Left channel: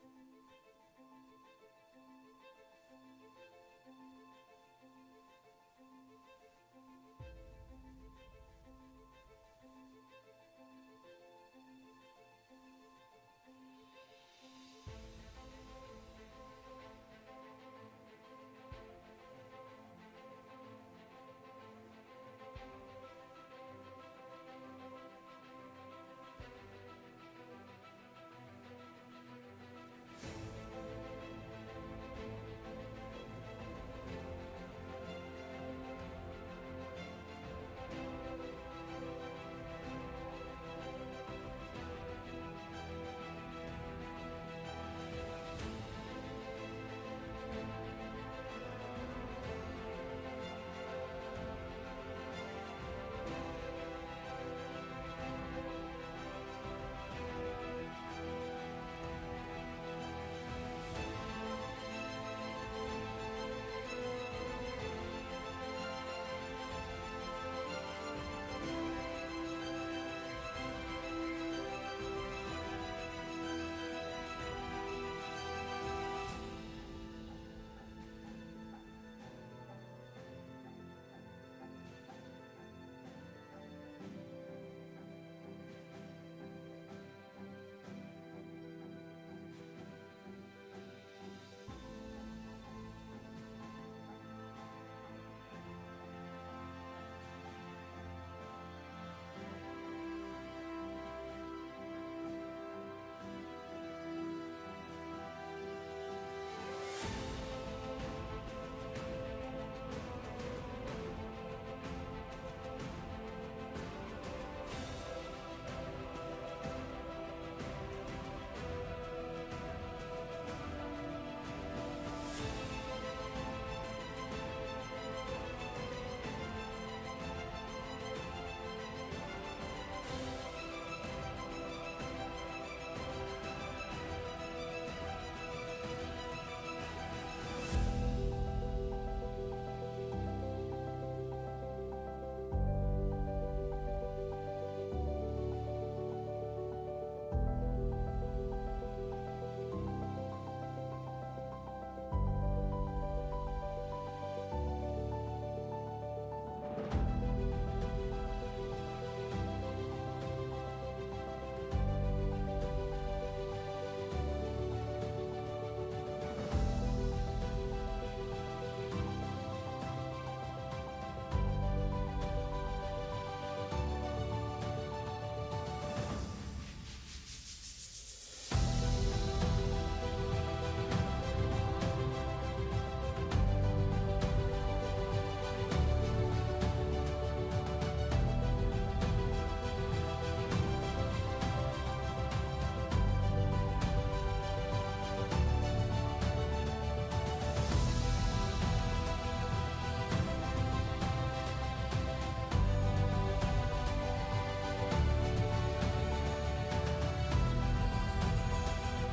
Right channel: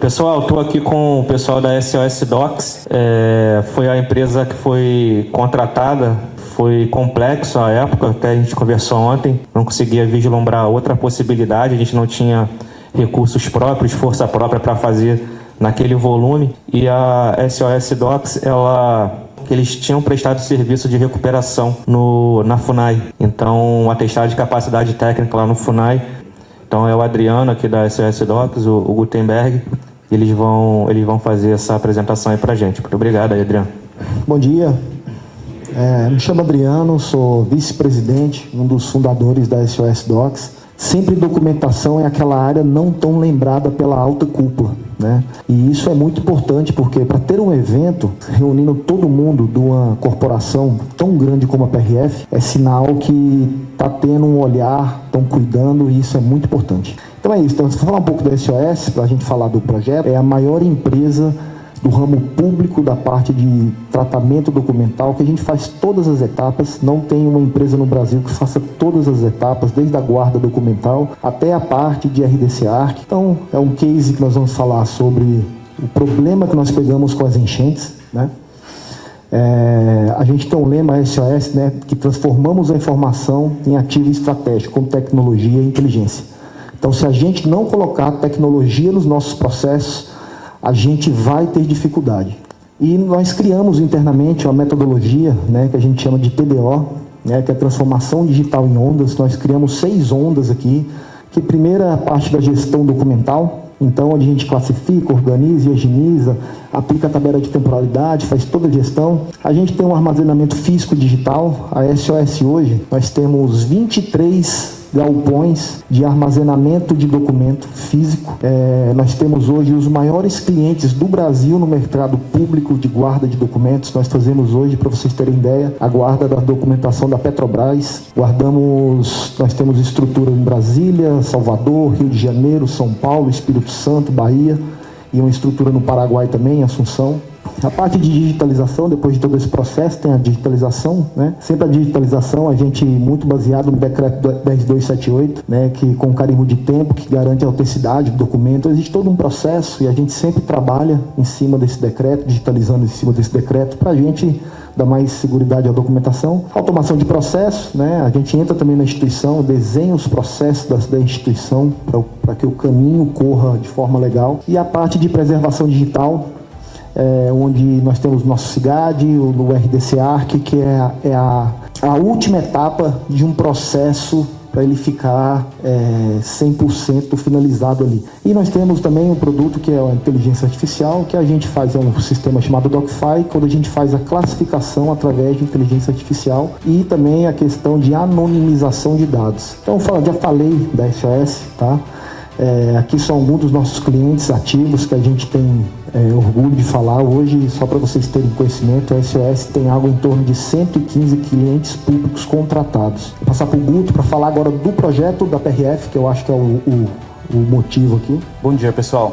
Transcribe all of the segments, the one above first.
Pessoal, estou aqui com o pessoal da SOS Docs. Foi a empresa que foi contratada. Foi complexo à época, até a gente conversou ontem. Não conseguia vislumbrar outra possibilidade. A gente não tinha recursos próprios, força própria para fazer naquele volume. E a SOS Docs, eles tinham prestado serviço de recuperação na FUNAI. Então, um atestado de capacidade técnica lá no FUNAI. Então, é o Adriano aqui da SOS Docs, o Gutenberg. Eles vão fazer essa apresentação aí pra gente. Muito obrigado aí, Adriano. Bom dia. Me chamo Adriano, sou vice-presidente, um dos fundadores da SOS Docs. Sempre documentação é aquela área não tão lembrada pela alta cúpula, né? E isso é muito importante porque para ter um evento reunindo todo mundo de uma corporação tão grande como a PRF, é sinal que está tendo um olhar, estão cuidando, e isso é muito importante. Então é isso, então, se falar um pouco da SOS, para a gente falar do projeto, é a maior empresa do ramo público da parte de tratamento documental, que a gente faz todas as etapas. Não tem uma empresa no Brasil que faça todas as etapas, desde a guarda documental até a parte de RDC Arc. Então, é um case que nós vamos falar sobre o problema que nós pegamos com as enchentes, né? A gente tem um lema SOS, né, que transformamos a informação em ativo estratégico, com tecnologia e inteligência. Então, se a gente não colocar tecnologia nos nossos processos, a gente vai ter dificuldade. E nós criamos internamente uma metodologia, né, que a gente chama de TDO, né, que é transformação digital em ondas. Nós criamos 6 ondas aqui, que primeira é a parte da gestão documental, então onde a gente classifica, organiza, higieniza, aplica a tabela de temporalidade, faz toda a gestão. A gente tem um armazenamento físico digital. A SOS hoje, nós temos 23 galpões de armazenamento de documento físico. Nós temos hoje os maiores clientes do Brasil no mercado público de guarda de documentos. Nós fazemos hoje, para vocês terem ideia, a guarda da documentação da Petrobras. Nós temos estrutura em Brasília, Salvador, Rio de Janeiro, São Paulo, Espírito Santo, Bahia, e uma estrutura no Paraguai também, Assunção. A parte de digitalização, depois de todo esse processo, tem a digitalização, né? Sempre a digitalização, a gente muito baseado no decreto 10278, né? Que com carimbo de tempo, que garante a autenticidade do documento. Existe todo um processo e a gente sempre trabalha em cima desse decreto, digitalizando em cima desse decreto, para a gente dar mais seguridade à documentação. Automação de processos, né? A gente entra também na instituição, desenha os processos da instituição para que o caminho corra de forma legal. E a parte de preservação digital, onde nós temos o nosso CIGAD, o RDC Arc, que é a última etapa de um processo para ele ficar 100% finalizado ali. E nós temos também um produto que é a inteligência artificial, que a gente faz um sistema chamado DocFi, quando a gente faz a classificação através de inteligência artificial, e também a questão de anonimização de dados. Então, já falei da SOS, tá? Aqui são alguns dos nossos clientes ativos que a gente tem orgulho de falar hoje. Só para vocês terem conhecimento, a SOS tem algo em torno de 115 clientes públicos contratados. Vou passar para o Guto para falar agora do projeto da PRF, que eu acho que é o motivo aqui. Bom dia, pessoal.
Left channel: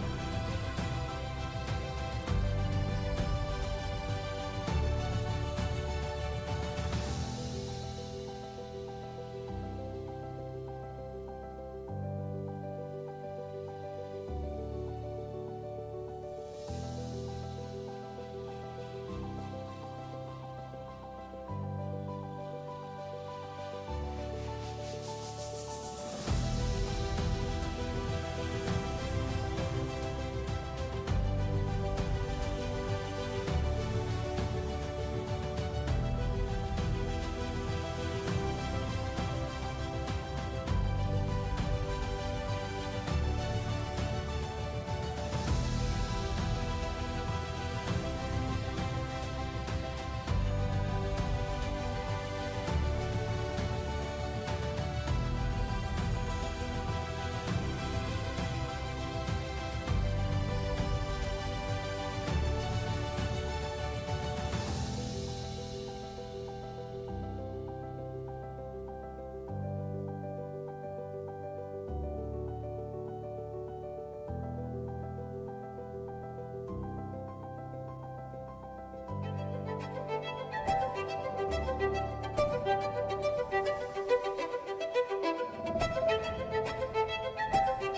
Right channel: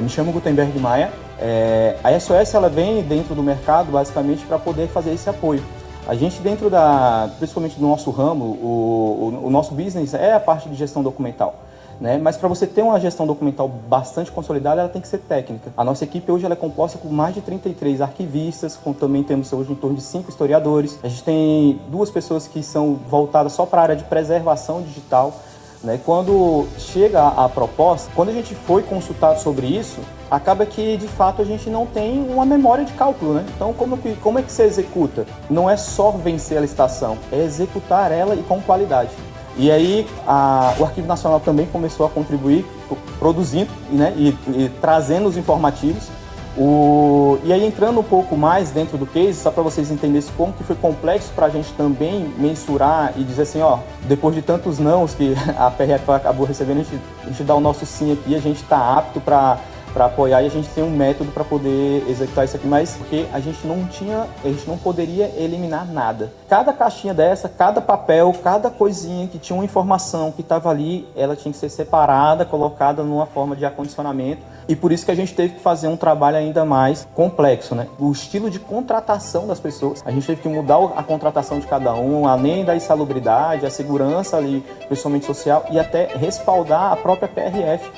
Me chamo Gutenberg Maia. A SOS ela vem dentro do mercado basicamente para poder fazer esse apoio. A gente principalmente do nosso ramo, o nosso business é a parte de gestão documental, né? Mas para você ter uma gestão documental bastante consolidada, ela tem que ser técnica. A nossa equipe hoje ela é composta por mais de 33 arquivistas, também temos hoje em torno de 5 historiadores. A gente tem 2 pessoas que são voltadas só para a área de preservação digital, né? Quando chega a proposta, quando a gente foi consultado sobre isso, acaba que de fato a gente não tem uma memória de cálculo, né? Então como é que você executa? Não é só vencer a licitação, é executar ela e com qualidade. E aí o Arquivo Nacional também começou a contribuir, produzindo, né, e trazendo os informativos. E aí entrando um pouco mais dentro do case, só para vocês entenderem como que foi complexo para a gente também mensurar e dizer assim, ó, depois de tantos nãos que a PRF acabou recebendo, a gente dá o nosso sim aqui, a gente está apto para apoiar, e a gente tem um método para poder executar isso aqui, mas porque a gente não poderia eliminar nada. Cada caixinha dessa, cada papel, cada coisinha que tinha uma informação que estava ali, ela tinha que ser separada, colocada numa forma de acondicionamento, e por isso que a gente teve que fazer um trabalho ainda mais complexo, né? O estilo de contratação das pessoas, a gente teve que mudar a contratação de cada um, além da insalubridade, a segurança ali, principalmente social, e até respaldar a própria PRF.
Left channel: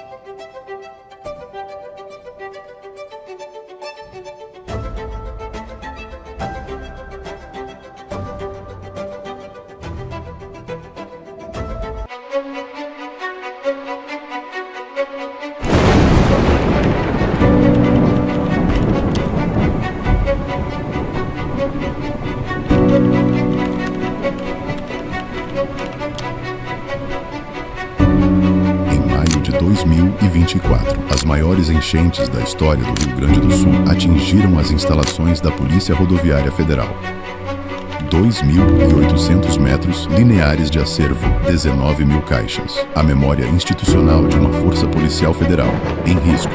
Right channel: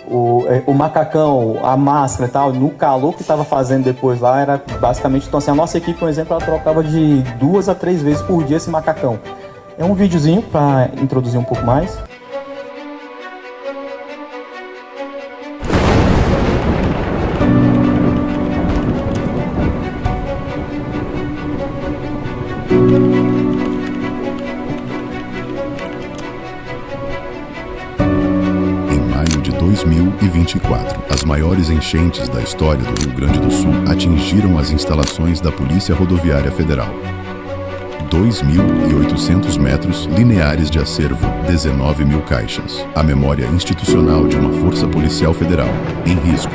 O macacão, a máscara e tal, no calor que estava fazendo depois lá, era basicamente... Então, assim, a nossa equipe, por exemplo, ela trocava de 2 a 3 vezes por dia esse macacão. É um videozinho para introduzir um pouco mais. Em maio de 2024, as maiores enchentes da história do Rio Grande do Sul atingiram as instalações da Polícia Rodoviária Federal. 2.800 metros lineares de acervo, 19 mil caixas. A memória institucional de uma força policial federal em risco.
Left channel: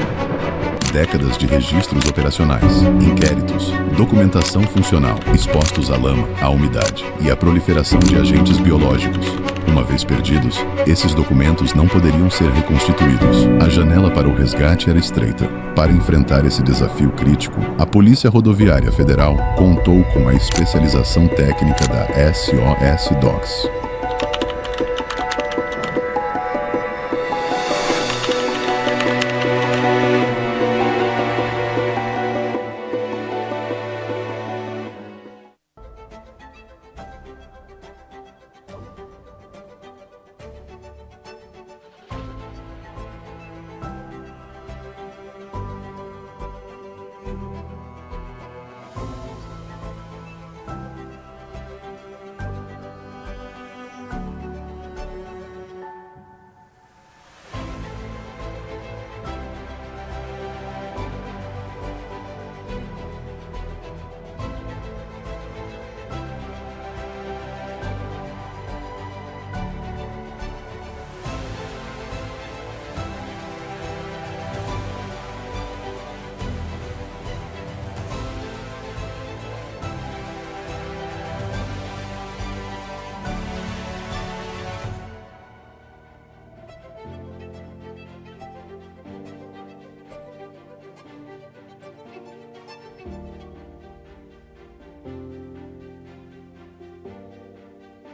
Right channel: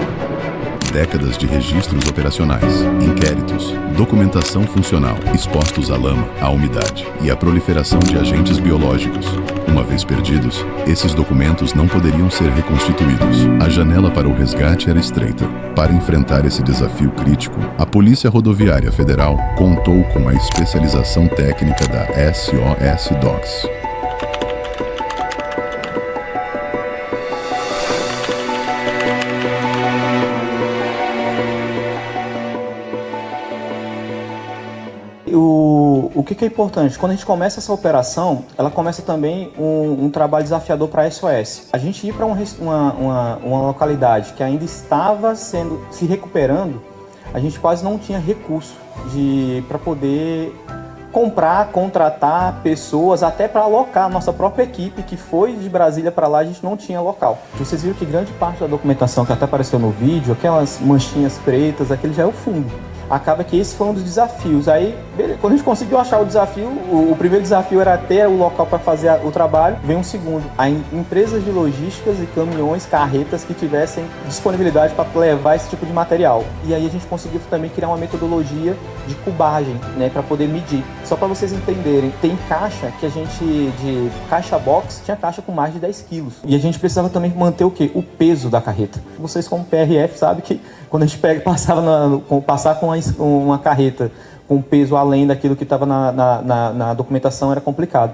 Décadas de registros operacionais, inquéritos, documentação funcional, expostos à lama, à umidade e à proliferação de agentes biológicos. Uma vez perdidos, esses documentos não poderiam ser reconstituídos. A janela para o resgate era estreita. Para enfrentar esse desafio crítico, a Polícia Rodoviária Federal contou com a especialização técnica da SOS Docs. O que é importante? Quando a gente começa essa operação, ela começa também um trabalho desafiador para a SOS. A gente ir para uma localidade que ainda estava se recuperando, a gente quase não tinha recurso para poder comprar, contratar pessoas, até para alocar a nossa própria equipe, que foi de Brasília para lá, a gente não tinha local. Vocês viram que grande parte da documentação que até apareceu no vídeo, aquelas manchinhas pretas, aquele já é o fundo. Acaba que esse foi um dos desafios. Aí, quando a gente conseguiu achar o desafio, o primeiro desafio era ter o local para fazer o trabalho, vem um segundo. Empresas de logísticas e caminhões, carretas que tivessem disponibilidade para levar esse tipo de material. E aí a gente conseguiu também criar uma metodologia de cubagem, né, para poder medir. Só para vocês entenderem, tem caixa que a gente, de caixa box, tinha caixa com mais de 10 quilos. E a gente precisava também manter o quê? O peso da carreta. Vocês como PRF sabem que quando a gente passar com uma carreta com peso além daquilo que estava na documentação era complicado.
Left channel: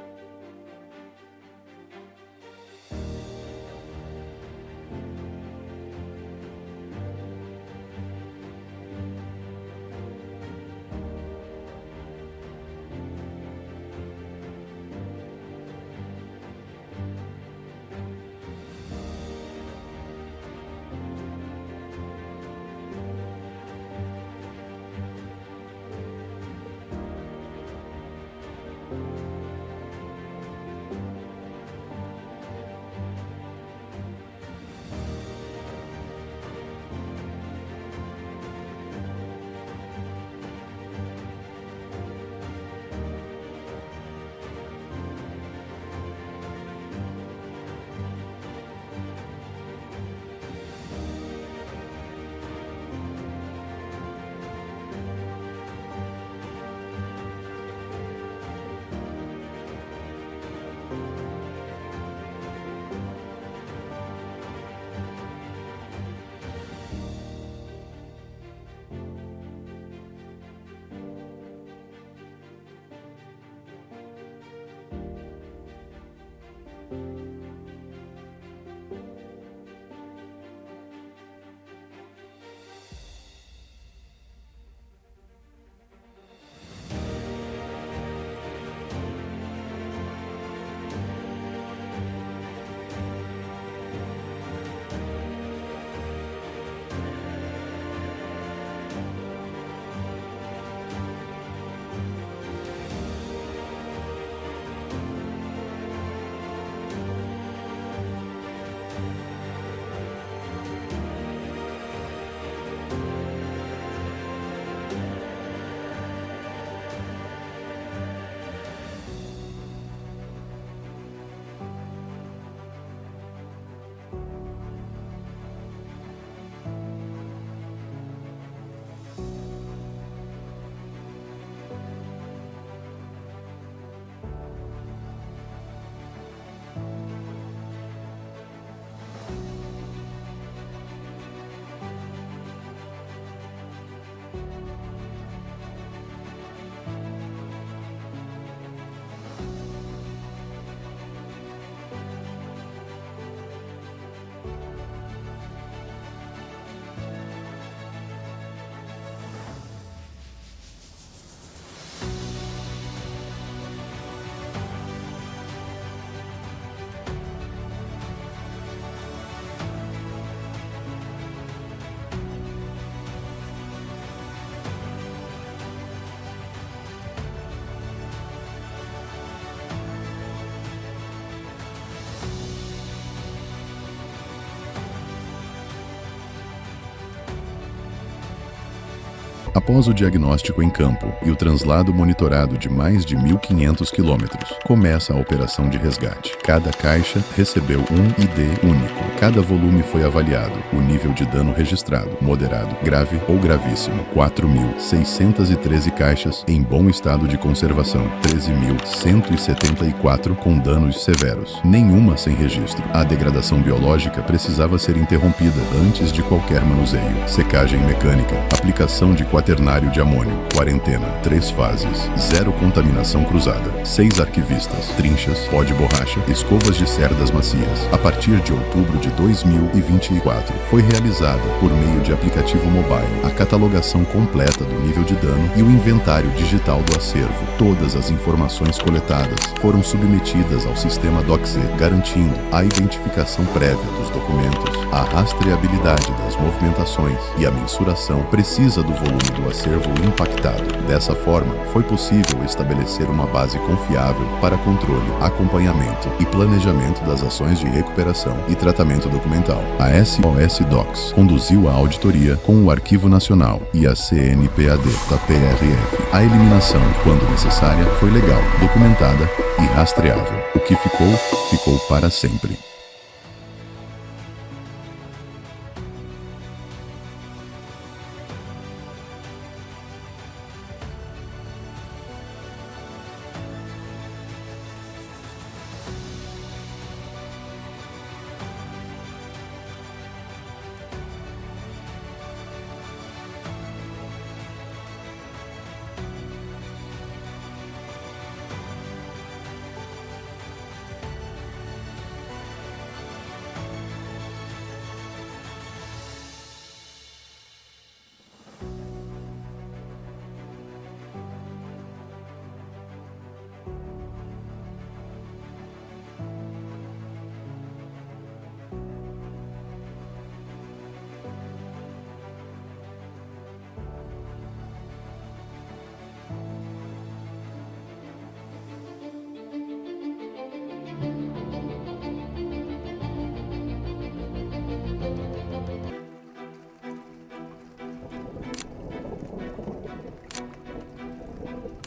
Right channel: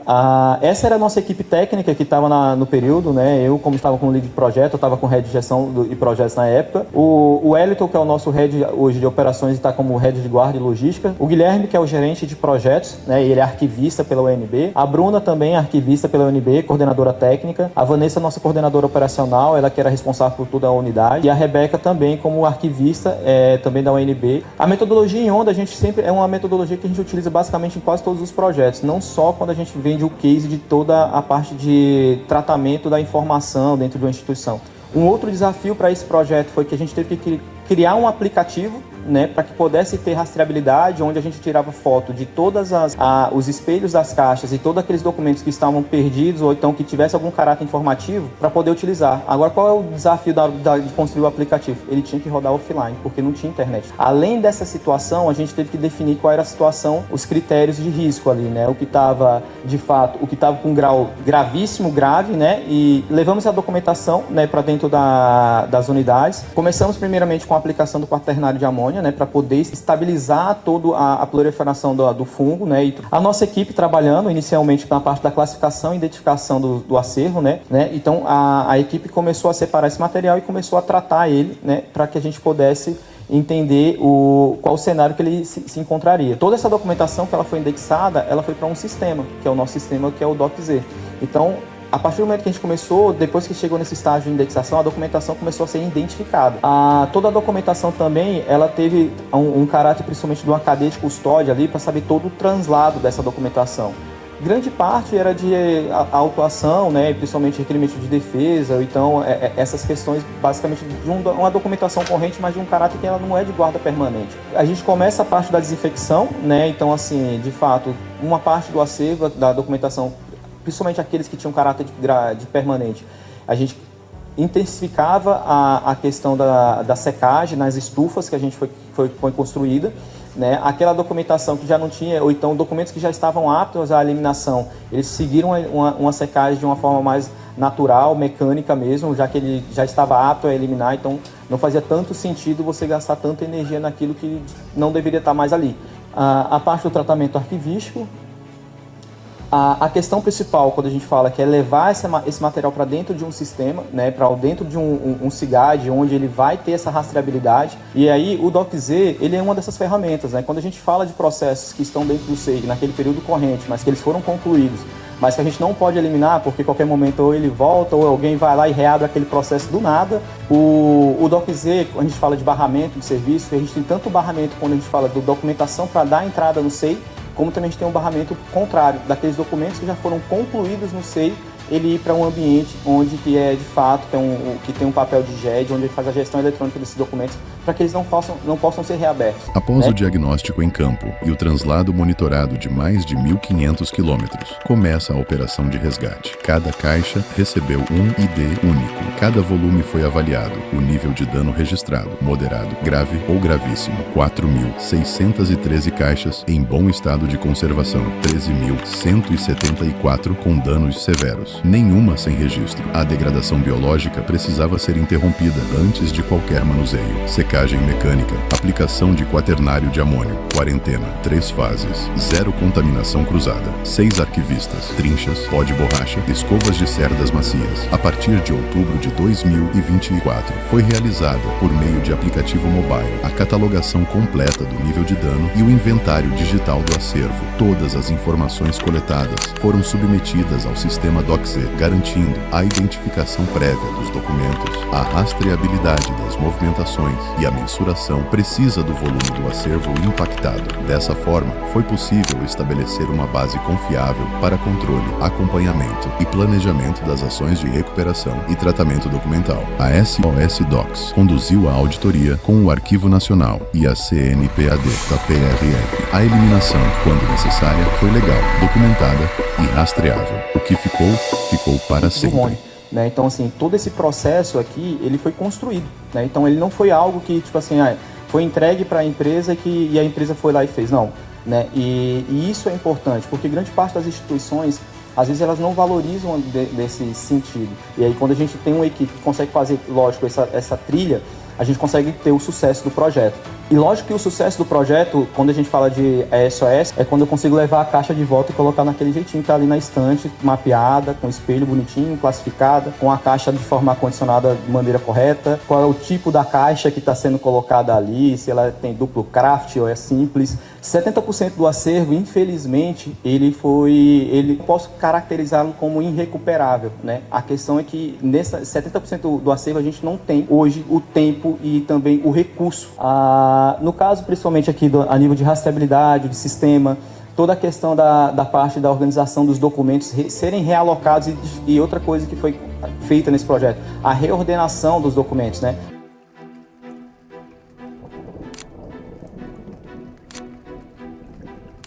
Essa era a nossa equipe técnica que estava no período, né? Eu, como estava com o lead de projeto, eu estava com o head de gestão e projetos na época. O Wellington, que é o nosso head hoje de operações, está como head de guarda e logística. O Guilherme, que é o gerente de projetos, né? Ele é arquivista pela UNB. A Bruna também é arquivista pela UNB, coordenadora técnica. A Vanessa, nossa coordenadora operacional, ela que era responsável por toda a unidade. E a Rebeca também como arquivista também da UNB. A metodologia em onda, a gente sempre é uma metodologia que a gente utiliza basicamente em quase todos os projetos, não só quando a gente vende o case de toda a parte de tratamento da informação dentro de uma instituição. Um outro desafio para esse projeto foi que a gente teve que criar um aplicativo, né, para que pudesse ter rastreabilidade, onde a gente tirava foto de todas os espelhos das caixas e todos aqueles documentos que estavam perdidos ou então que tivesse algum caráter informativo para poder utilizar. Agora, qual é o desafio de construir o aplicativo? Ele tinha que rodar offline, porque não tinha internet. Além dessa situação, a gente teve que definir qual era a situação, os critérios de risco ali, né, o que estava, de fato, o que estava com grau gravíssimo, grave, né, e levamos a documentação, né, para dentro das unidades. Começamos primeiramente com a aplicação do quaternário de amônia, né, para poder estabilizar toda a proliferação do fungo, né, e a nossa equipe trabalhando inicialmente na parte da classificação e identificação do acervo, né, então a equipe começou a separar esse material e começou a tratar ele, né, para que a gente pudesse entender qual o cenário que ele se encontraria. Toda essa documentação que ela foi indexada, ela foi para um sistema, que é o nosso sistema, que é o DocZ. Então, a partir do momento que a gente começou, depois que chegou nesse estágio de indexação, a documentação começou a ser identificada. Toda a documentação também, ela teve um caráter principalmente de uma cadeia de custódia ali para saber todo o translado dessa documentação. Grande parte era de autuação, né, principalmente requerimento de defesa, ou então essas questões basicamente de uma documentação corrente, mas de um caráter que ela não é de guarda permanente. A gente começa a parte da desinfecção, né, então assim, de fato, uma parte do acervo da documentação, principalmente aqueles que tinham caráter de permanente, a gente intensificava a questão da secagem nas estufas que a gente foi construída, né? Aquela documentação que já não tinha, ou então documentos que já estavam aptos à eliminação, eles seguiram uma secagem de uma forma mais natural, mecânica mesmo, já que ele já estava apto a eliminar, então não fazia tanto sentido você gastar tanta energia naquilo que não deveria estar mais ali. A parte do tratamento arquivístico, A questão principal, quando a gente fala que é levar esse material para dentro de um sistema, né, para dentro de um CIGAD, onde ele vai ter essa rastreabilidade, e aí o DocZ, ele é uma dessas ferramentas, né? Quando a gente fala de processos que estão dentro do SEI, naquele período corrente, mas que eles foram concluídos, mas que a gente não pode eliminar, porque a qualquer momento ou ele volta ou alguém vai lá e reabre aquele processo do nada. O DocZ, quando a gente fala de barramento de serviço, a gente tem tanto o barramento quando a gente fala de documentação para dar entrada no SEI, como também a gente tem um barramento contrário, daqueles documentos que já foram concluídos no SEI, ele ir para um ambiente onde que é de fato, que tem um papel de GED, onde ele faz a gestão eletrônica desses documentos, para que eles não possam ser reabertos. Após o diagnóstico em campo e o translado monitorado de mais de 1.500 quilômetros, começa a operação de resgate. Cada caixa recebeu um ID único. Cada volume foi avaliado. O nível de dano registrado, moderado, grave ou gravíssimo. 4.613 caixas em bom estado de conservação. 13.174 com danos severos. Nenhuma sem registro. A degradação biológica precisava ser interrompida antes de qualquer manuseio. Secagem mecânica, aplicação de quaternário de amônio, quarentena, 3 fases, 0 contaminação cruzada, 6 arquivistas, trinchas, pó de borracha, escovas de cerdas macias. A partir de outubro de 2024, foi realizada, por meio de aplicativo mobile, a catalogação completa do nível de dano e o inventário digital do acervo. Todas as informações coletadas foram submetidas ao sistema DocZ, garantindo a identificação prévia dos documentos, a rastreabilidade das movimentações e a mensuração precisa do volume do acervo impactado. Dessa forma, foi possível estabelecer uma base confiável para controle, acompanhamento e planejamento das ações de recuperação e tratamento documental. A SOS Docs conduziu a auditoria com o Arquivo Nacional e a CNPAD da PRF. A eliminação, quando necessária, foi legal, documentada e rastreável. O que ficou para sempre. Né? Então, assim, todo esse processo aqui, ele foi construído, né? Então, ele não foi algo que, tipo assim, foi entregue para a empresa e a empresa foi lá e fez, não, né? E isso é importante, porque grande parte das instituições, às vezes, elas não valorizam desse sentido. E aí, quando a gente tem uma equipe que consegue fazer, lógico, essa trilha, a gente consegue ter o sucesso do projeto. E lógico que o sucesso do projeto, quando a gente fala de SOS, é quando eu consigo levar a caixa de volta e colocar naquele jeitinho que tá ali na estante, mapeada, com espelho bonitinho, classificada, com a caixa de forma acondicionada de maneira correta, qual é o tipo da caixa que está sendo colocada ali, se ela tem duplo craft ou é simples. 70% do acervo, infelizmente, posso caracterizá-lo como irrecuperável, né? A questão é que nessa 70% do acervo a gente não tem hoje o tempo e também o recurso. No caso, principalmente aqui a nível de rastreabilidade, de sistema, toda a questão da parte da organização dos documentos serem realocados e outra coisa que foi feita nesse projeto, a reordenação dos documentos, né?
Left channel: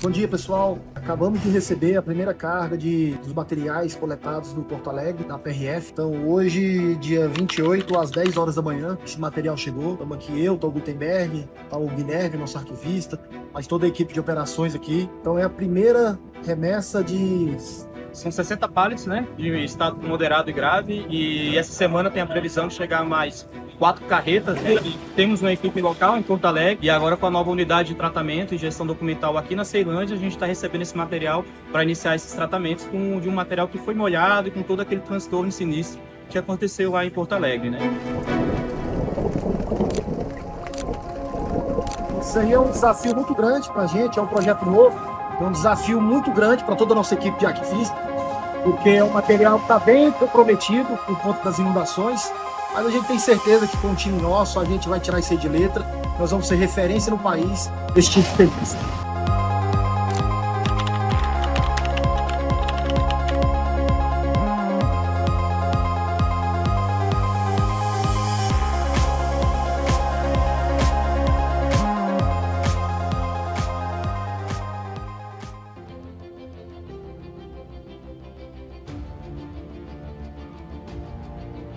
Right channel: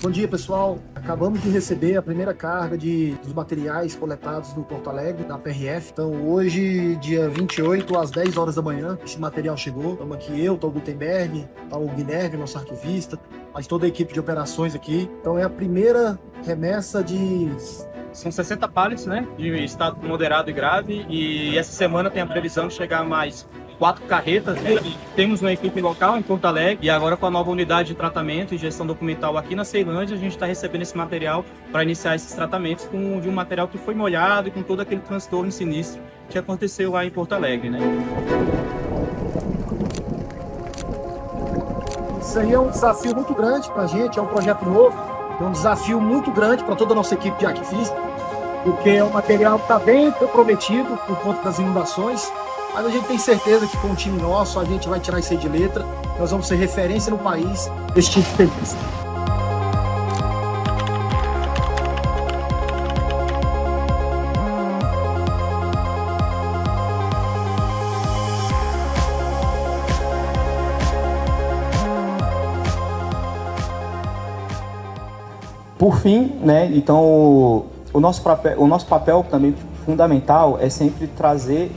Bom dia, pessoal. Acabamos de receber a primeira carga dos materiais coletados no Porto Alegre, da PRF. Então, hoje, dia 28, às 10 horas da manhã, esse material chegou. Estamos aqui eu, o Gutenberg, o Guilherme, nosso arquivista, mas toda a equipe de operações aqui. Então, é a primeira remessa São 60 pallets, né, de estado moderado e grave, e essa semana tem a previsão de chegar mais 4 carretas, né? Temos uma equipe local em Porto Alegre e agora com a nova unidade de tratamento e gestão documental aqui na Ceilândia, a gente está recebendo esse material para iniciar esses tratamentos de um material que foi molhado e com todo aquele transtorno sinistro que aconteceu lá em Porto Alegre, né? Isso aí é um desafio muito grande para a gente, é um projeto novo, é um desafio muito grande para toda a nossa equipe de arquivistas, porque é um material que está bem comprometido por conta das inundações. Mas a gente tem certeza que com o time nosso a gente vai tirar isso aí de letra. Nós vamos ser referência no país desse tipo de serviço. Por fim, né, então o nosso papel também fundamental é sempre trazer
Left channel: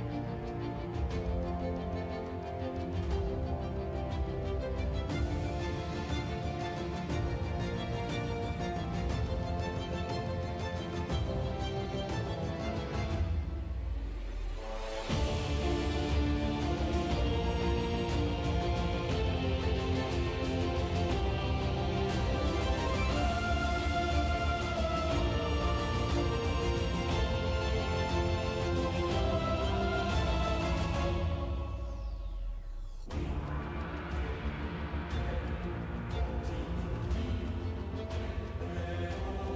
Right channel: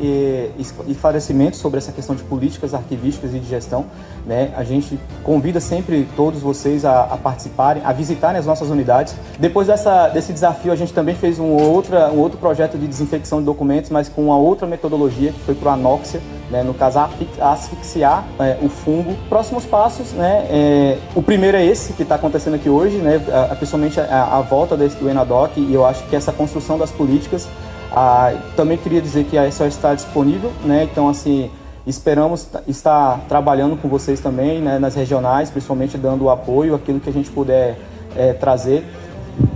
esclarecimentos sobre essa questão de políticas arquivísticas e de gestão, né? A gente convida sempre todos vocês a participarem, a visitarem as nossas unidades. Depois desse desafio, a gente também fez um outro projeto de desinfecção de documentos, mas com uma outra metodologia, que foi para o Anoxia, né, no caso asfixiar o fungo. Próximos passos, né, o primeiro é esse que está acontecendo aqui hoje, né, principalmente a volta do ENADOC, e eu acho que essa construção das políticas. Também queria dizer que a SOS está disponível, né, então assim, esperamos estar trabalhando com vocês também, né, nas regionais, principalmente dando o apoio, aquilo que a gente puder trazer.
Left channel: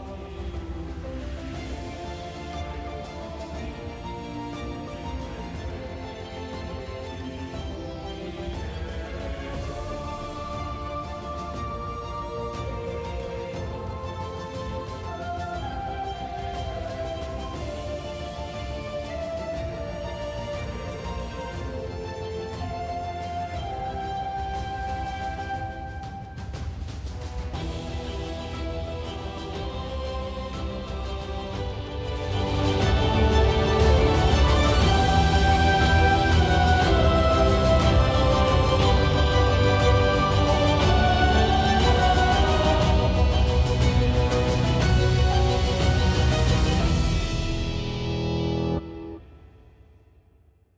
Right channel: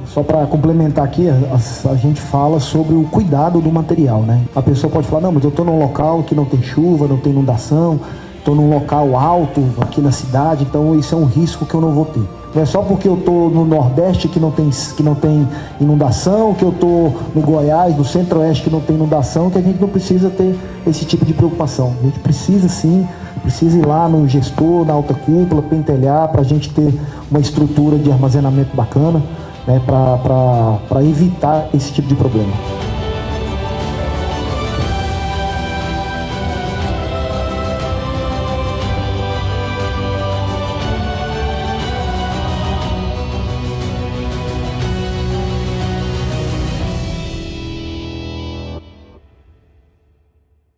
Só para complementar aqui, a gente fala sobre o cuidado do material, né? A pessoa pode falar, não, mas eu estou num local que não tem chuva, não tem inundação, estou num local alto aqui na cidade, então isso é um risco que eu não vou ter. Não é só porque eu estou no Nordeste que não tem inundação, que eu estou no Goiás, no Centro-Oeste que não tem inundação, que a gente não precisa ter esse tipo de preocupação. A gente precisa sim, precisa ir lá no gestor, na alta cúpula, pentelhar, para a gente ter uma estrutura de armazenamento bacana, né, para evitar esse tipo de problema.